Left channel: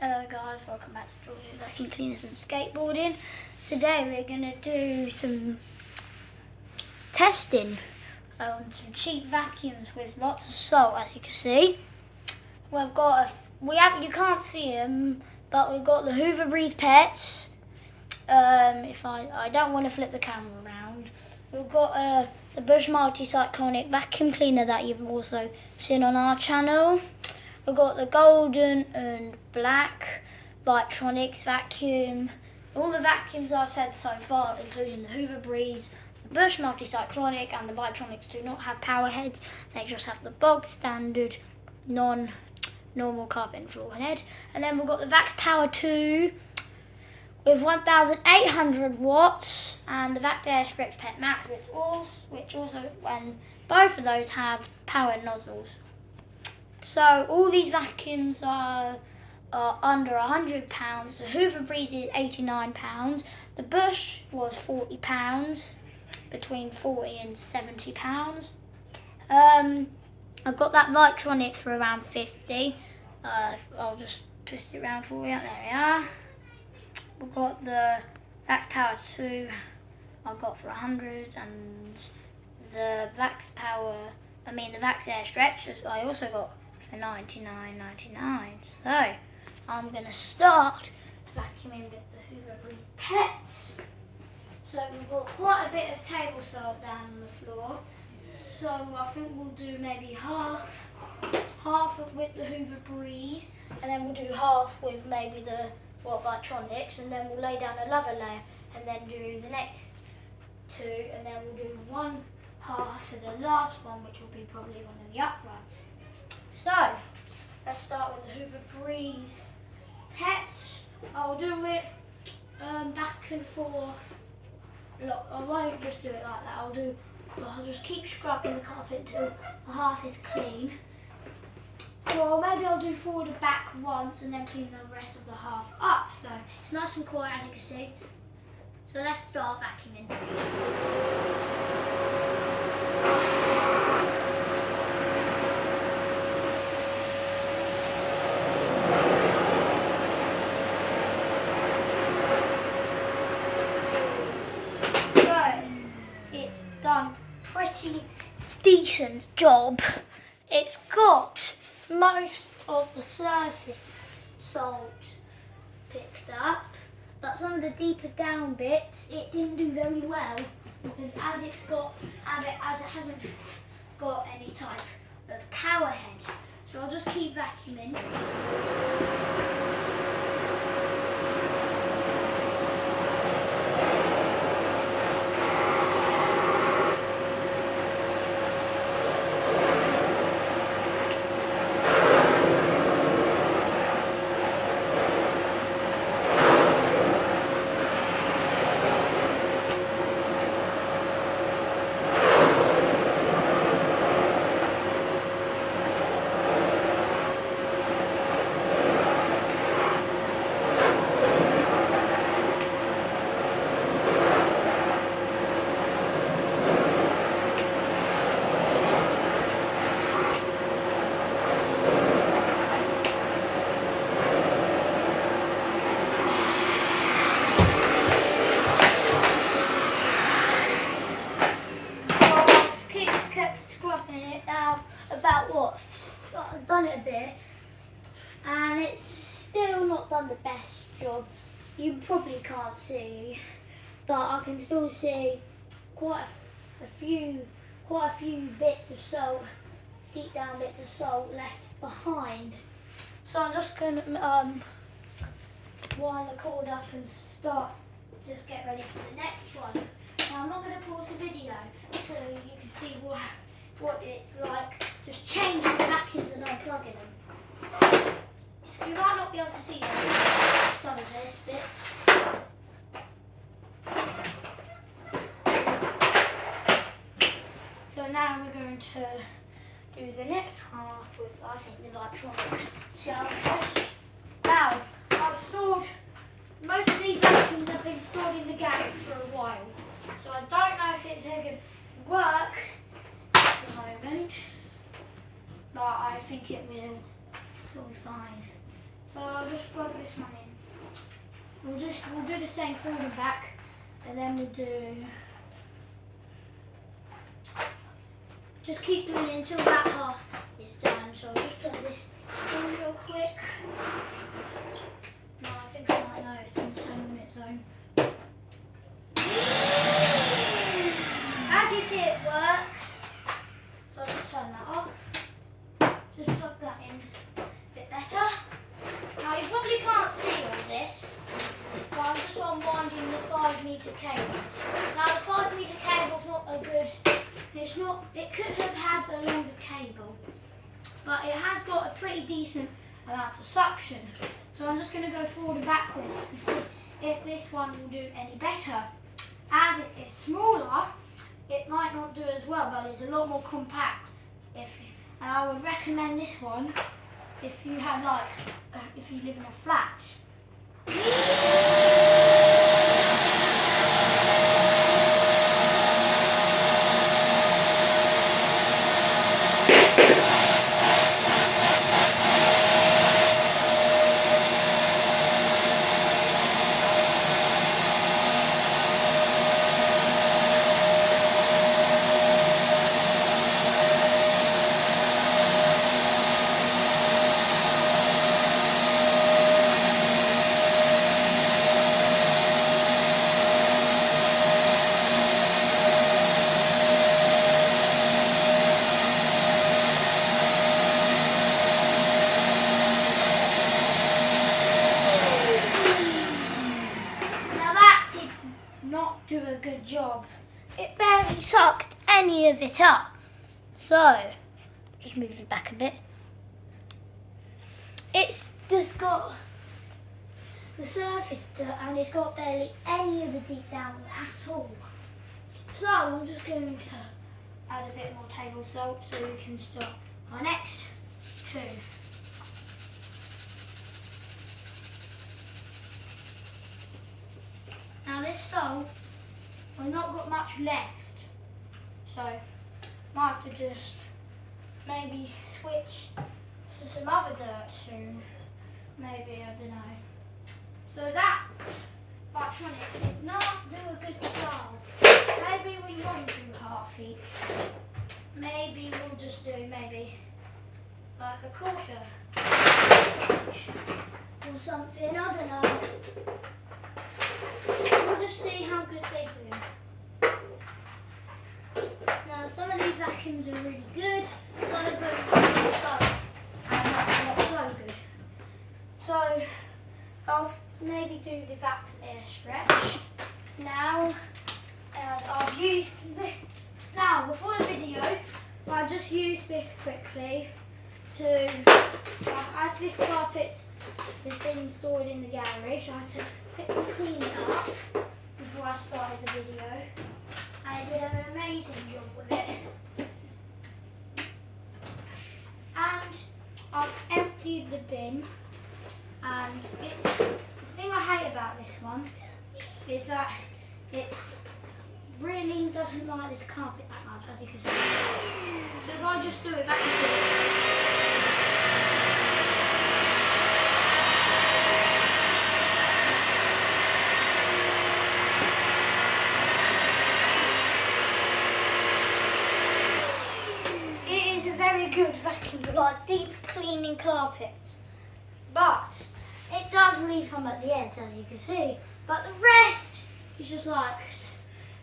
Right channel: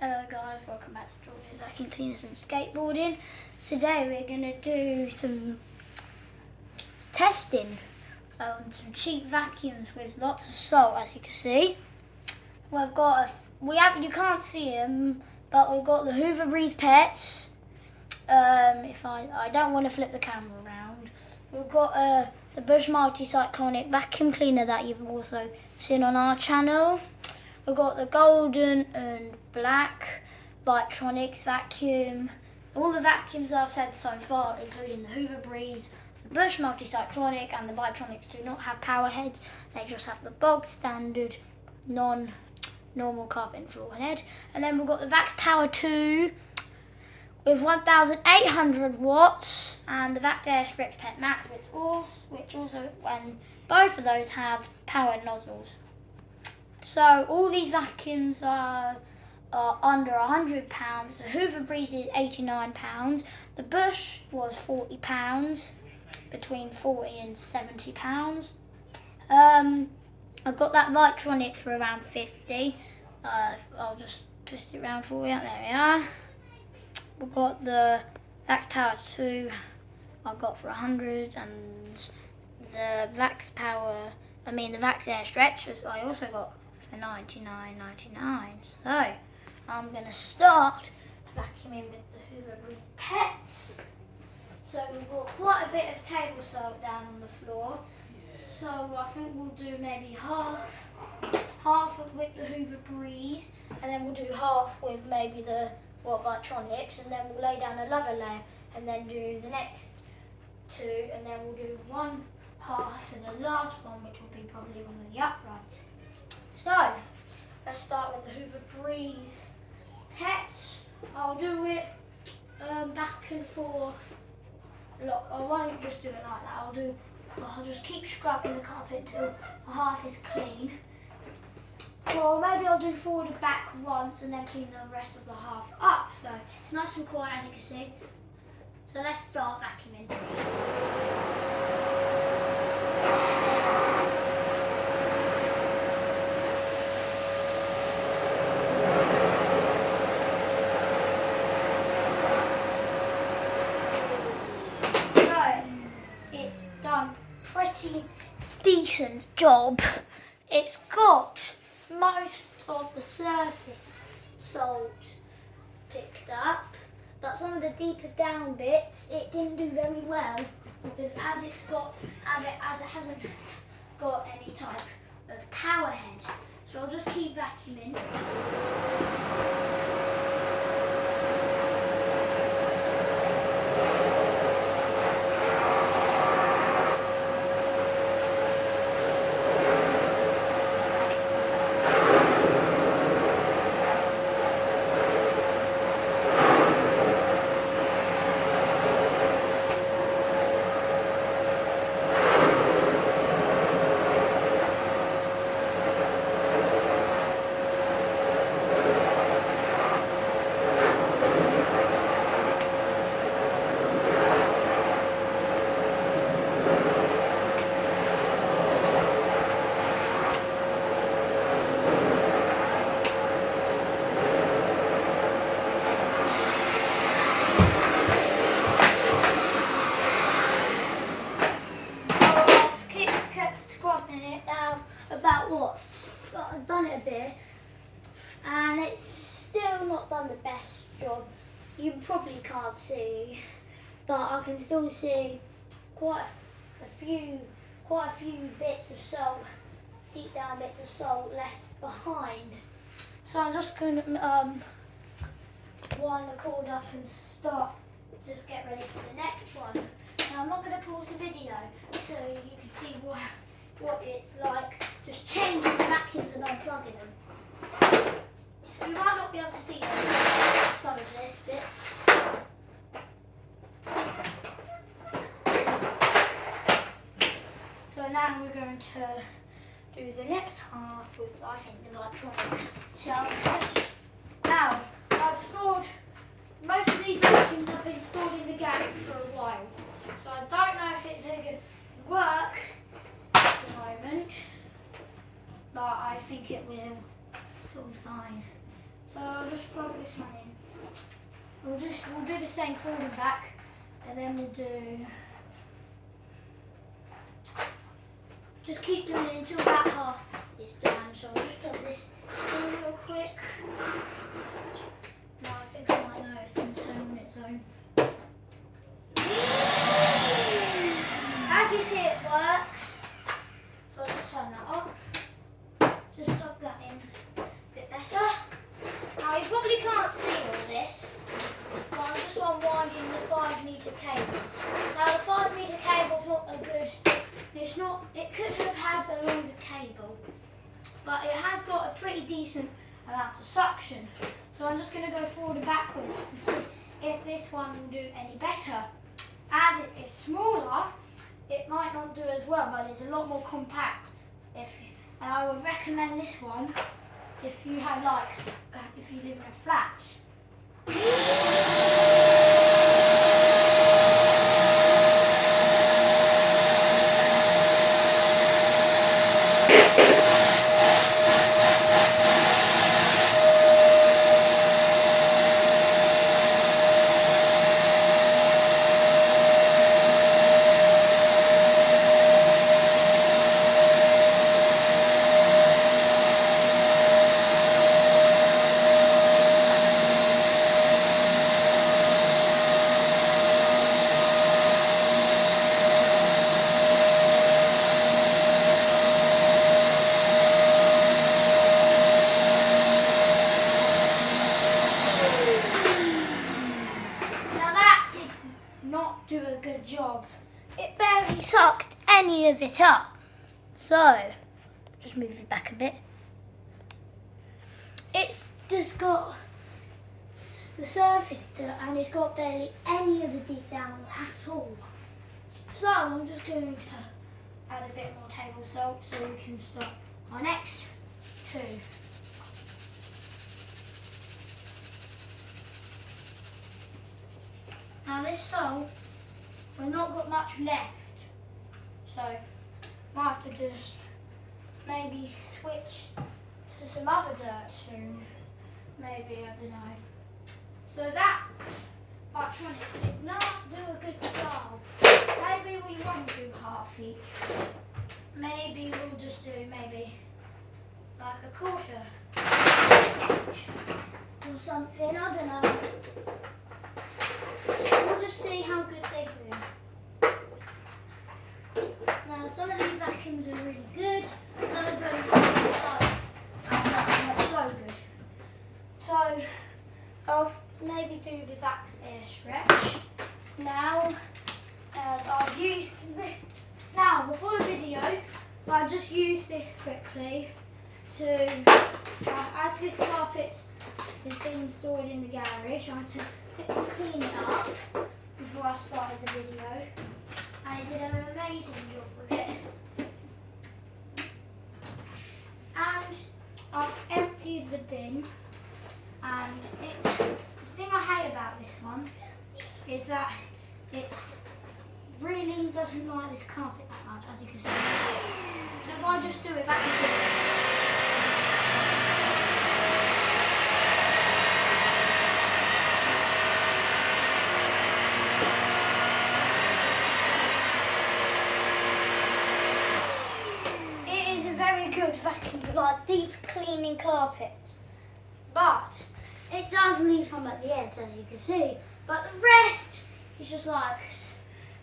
Hello guys, welcome back to George's Vacuum Cleaners and Skateboarding. Today we're going to do some testing on some cheap vacuums with lots of salt, as you can see. You can't see them, but we've got the Hoover Breeze Pets. If I don't want to flip the camera around. We've got the Bush Multi-Cyclonic Vacuum Cleaner that you've also seen on our channel. We've got the golden and black Vitronics vacuum. All the vacuums I've said so far, including the Hoover Breeze, the Bush Multi-Cyclonic and the Vitronics, do not have power heads. They just have the bog standard, non-normal carpet floor head. And then we've got the Vax Power 2 with 1,800 watts and the Vax Air Stretch Pet Max, which also, and both of those have power nozzles. So all these vacuums are under £100. The Hoover Breeze is £89. The Bush was £40, between £40 and £70. I got that Vitronic for around £50. I'll just twist it around for you. There we are. We've got the Vax Power 2 I got for £100, and the Vax Air Stretch I also got for $99.99. So I'm going to start vacuuming with the Hoover Breeze Pets. So we've got quite a bit of table salt down on the floor. So I think we'll do maybe half with the Hoover Breeze, and then we'll do half with maybe the Vitronics, and then we'll lay down another layer, and then do the next two, and then we'll do one half for the last one, which will be probably one of the uprights. So, let's start with the Hoover Breeze Pets. I'll do it back and forth. Look, I won't just do it like that. I'll just keep scrubbing the carpet until the half is clean. Or maybe I'll do forward and back once and then clean the rest of the half up. So, it's nice and quiet, as you can see. So let's start vacuuming. Done pretty decent job. It's got most of the surface salt picked up, but some of the deeper down bits it didn't do very well, as it hasn't got any type of power head. So I'll just keep vacuuming. I've done it a bit, and it's still not done the best job. You probably can't see, but I can still see quite a few bits of salt, deep down bits of salt left behind. So I'm just going to wind the cord up and just get ready for the next one. Now I'm not going to pause the video so you can see what it's like just changing the vacuums and unplugging them. So you might not be able to see some of this bit. So now we're going to do the next half with, I think, the Vitronics. See how it goes? Now, I've stored, most of these vacuums have been stored in the garage for a while. So I don't know if it's going to work at the moment, but I think it will be fine. So So I'll just plug this one in. We'll do the same forward and back, and then we'll do. Just keep doing it until about half is done. So I'll just put this in real quick. Now I think I might know it's going to turn on its own. As you see, it works. So I'll just turn that off. Just plug that in a bit better. Now you probably can't see all this, but I'm just unwinding the 5-metre cable. Now the 5-metre cable's not a good, it could have had a longer cable, but it has got a pretty decent amount of suction. So I'm just going to go forward and backwards and see if this one will do any better. As it is smaller, it might not do as well, but it's a lot more compact. And I would recommend this one if you have if you live in a flat. Do a good job. It barely sucked any of it up. So, just move it back a bit. It's just got the surface and it's got barely any of the deep down at all. So, I'm just going to add a bit more table salt so we can start our next two. Now this salt, we've not got much left, so might have to just maybe switch to some other dirt soon. Maybe, I don't know. So that Biotronics did not do a good job. Maybe we won't do heart feet. Maybe we'll just do like a quarter or something, I don't know. We'll just see how good they do. Now some of these vacuums are really good, some of them are not so good. So I'll maybe do the Vax Air Stretch. Now, as I've used this, now before the video, I'll just use this quickly to, as this carpet has been stored in the garage, I had to quickly clean it up before I started the video, and I did an amazing job with it. And I've emptied the bin, and the thing I hate about this one is that it really doesn't like this carpet that much, as you can see. So if I just do it back again. Good vacuum for like deep cleaning carpets, but it does leave some at the edge, as you can see, but the rest is just like,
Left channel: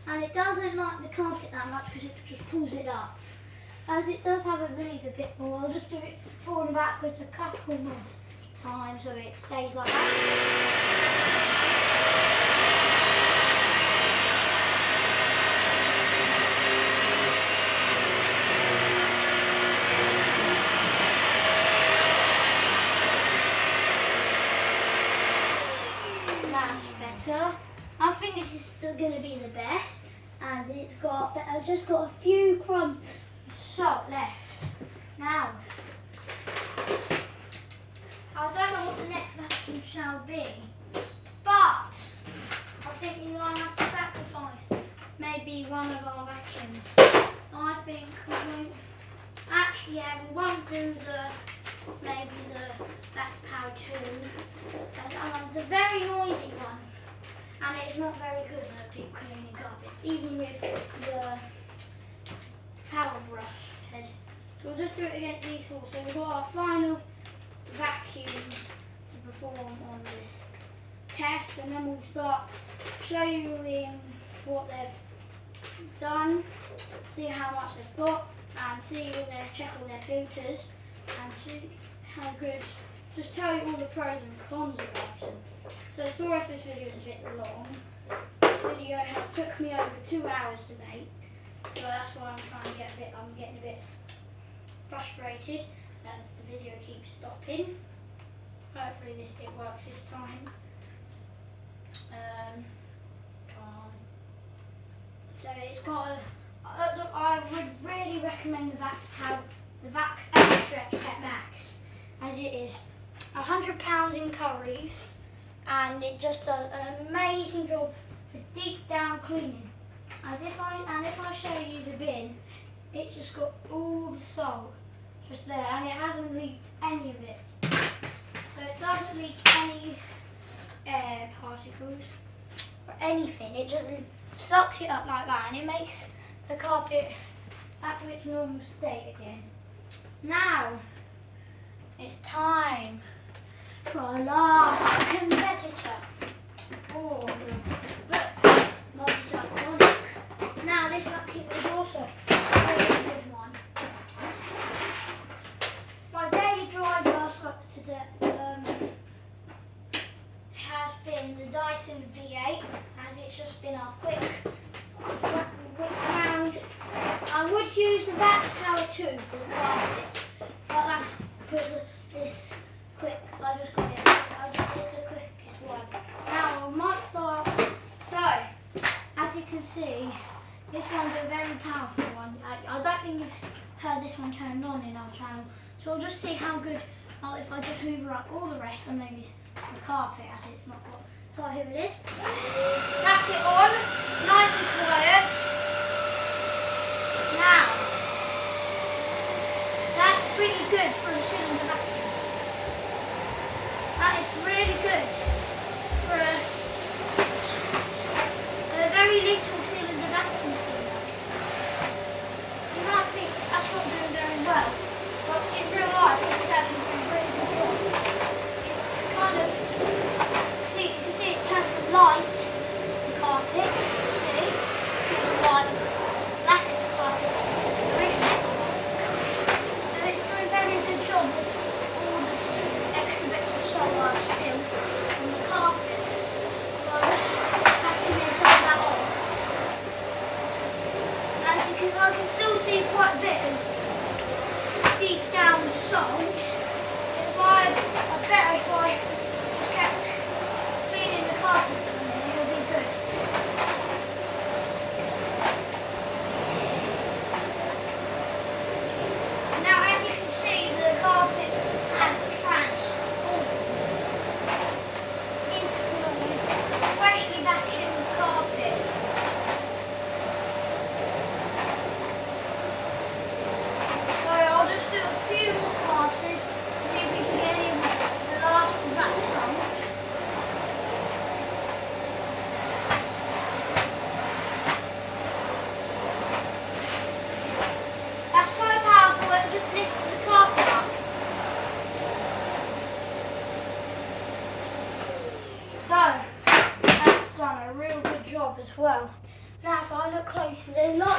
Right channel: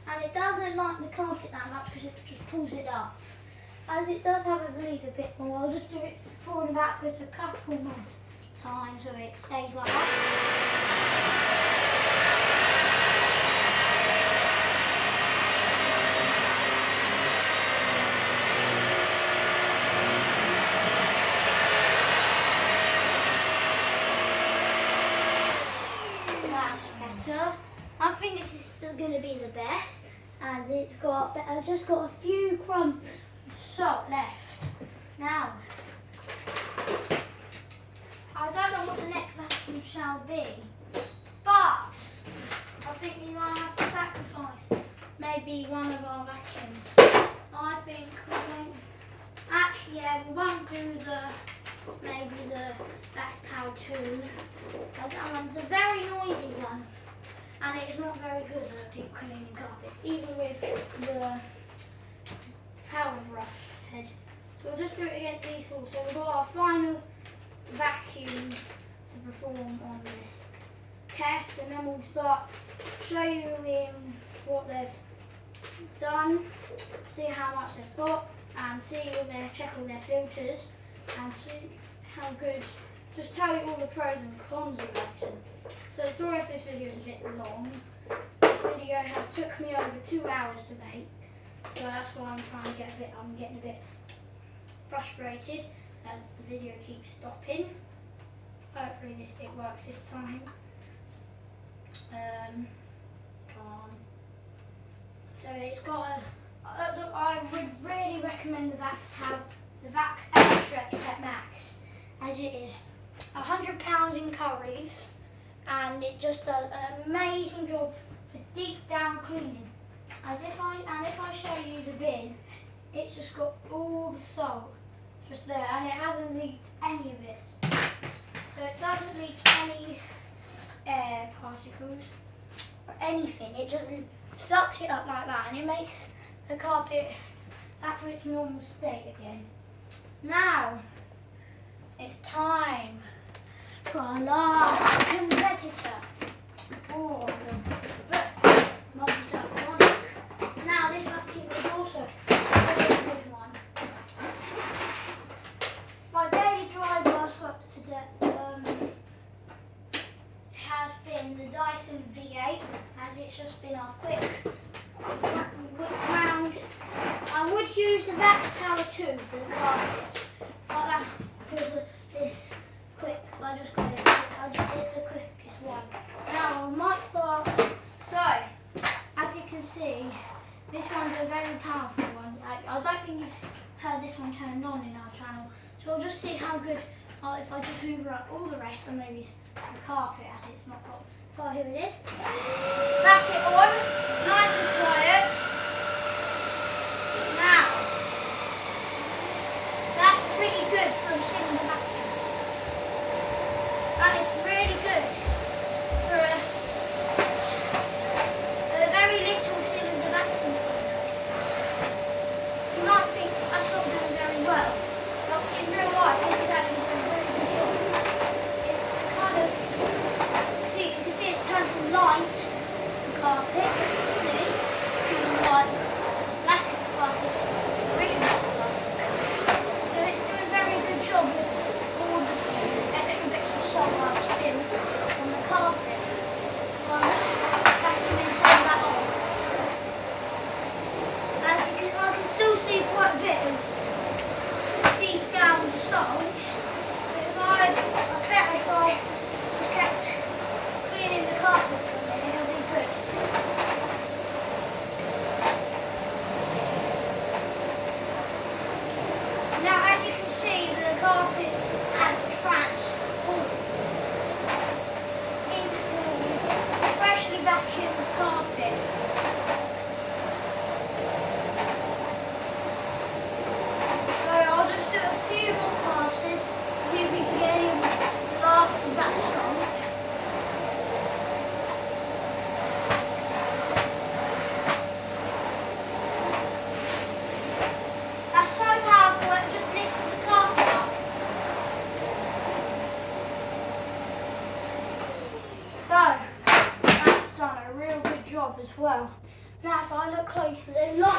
and it doesn't like the carpet that much because it just pulls it up. As it does have, I believe, a bit more, I'll just do it forward and backwards a couple more times so it stays like that. I think this is still going to be the best, as it's got, I've just got a few crumbs of salt left. Now, I don't know what the next vacuum shall be, but I think we might have to sacrifice maybe one of our vacuums. I think we won't, actually, yeah, we won't do the maybe the Vax Power 2. That one's a very noisy one, and it's not very good at deep cleaning carpets, even with the power brush head. So we'll just do it against these four. So we've got our final vacuum to perform on this test, and then we'll start showing what they've done, see how much they've got, and check all their filters, and see how good. Just tell you all the pros and cons about them. So sorry if this video is a bit long. This video has took me over 2 hours to make, so that's why I'm getting a bit frustrated as the video keeps stopping. Hopefully it works this time. Come on. So it's got I would really recommend the Vax Extra Stretch Pet Max, as it is £100 in curries, and it just does an amazing job for deep down cleaning. If I show you the bin, it's just got all the salt just there, and it hasn't leaked any of it. So it doesn't leak any air particles or anything. It just sucks it up like that, and it makes the carpet back to its normal state again. Now it's time for our last competitor for the multi-cyclonic. Now this vacuum is also a really good one. My daily driver today has been the Dyson V8, as it's just been our quick round. I would use the Vax Power 2 for the carpet, but that's because of this quick. I just got it. It's the quickest one. Now I might start. So, as you can see, this one's a very powerful one. I don't think you've heard this one turned on in our channel. So we'll just see how good, if I just hoover up all the rest, and maybe the carpet as it's not hot. So here it is. That's it on, nice and quiet. Now, that's pretty good for a cylinder vacuum. That is really good for a very little cylinder vacuum cleaner. You might think that's not doing very well, but in real life it's actually doing a really good job. It's kind of, you can see it turns from light the carpet, see, to light black carpet, original carpet. So it's doing a very good job with all the extra bits of salt I've spilled on the carpet. So I'm just vacuuming some of that off. As you can, I can still see quite a bit of deep down salt. I bet if I just kept cleaning the carpet for a minute, it'll be good. Now, as you can see, the carpet has transformed into a freshly vacuumed carpet. So I'll just do a few more passes, see if we can get in the last of that salt. That's so powerful it just lifts the carpet up. So that's done a real good job as well. Now if I look closely, there's lots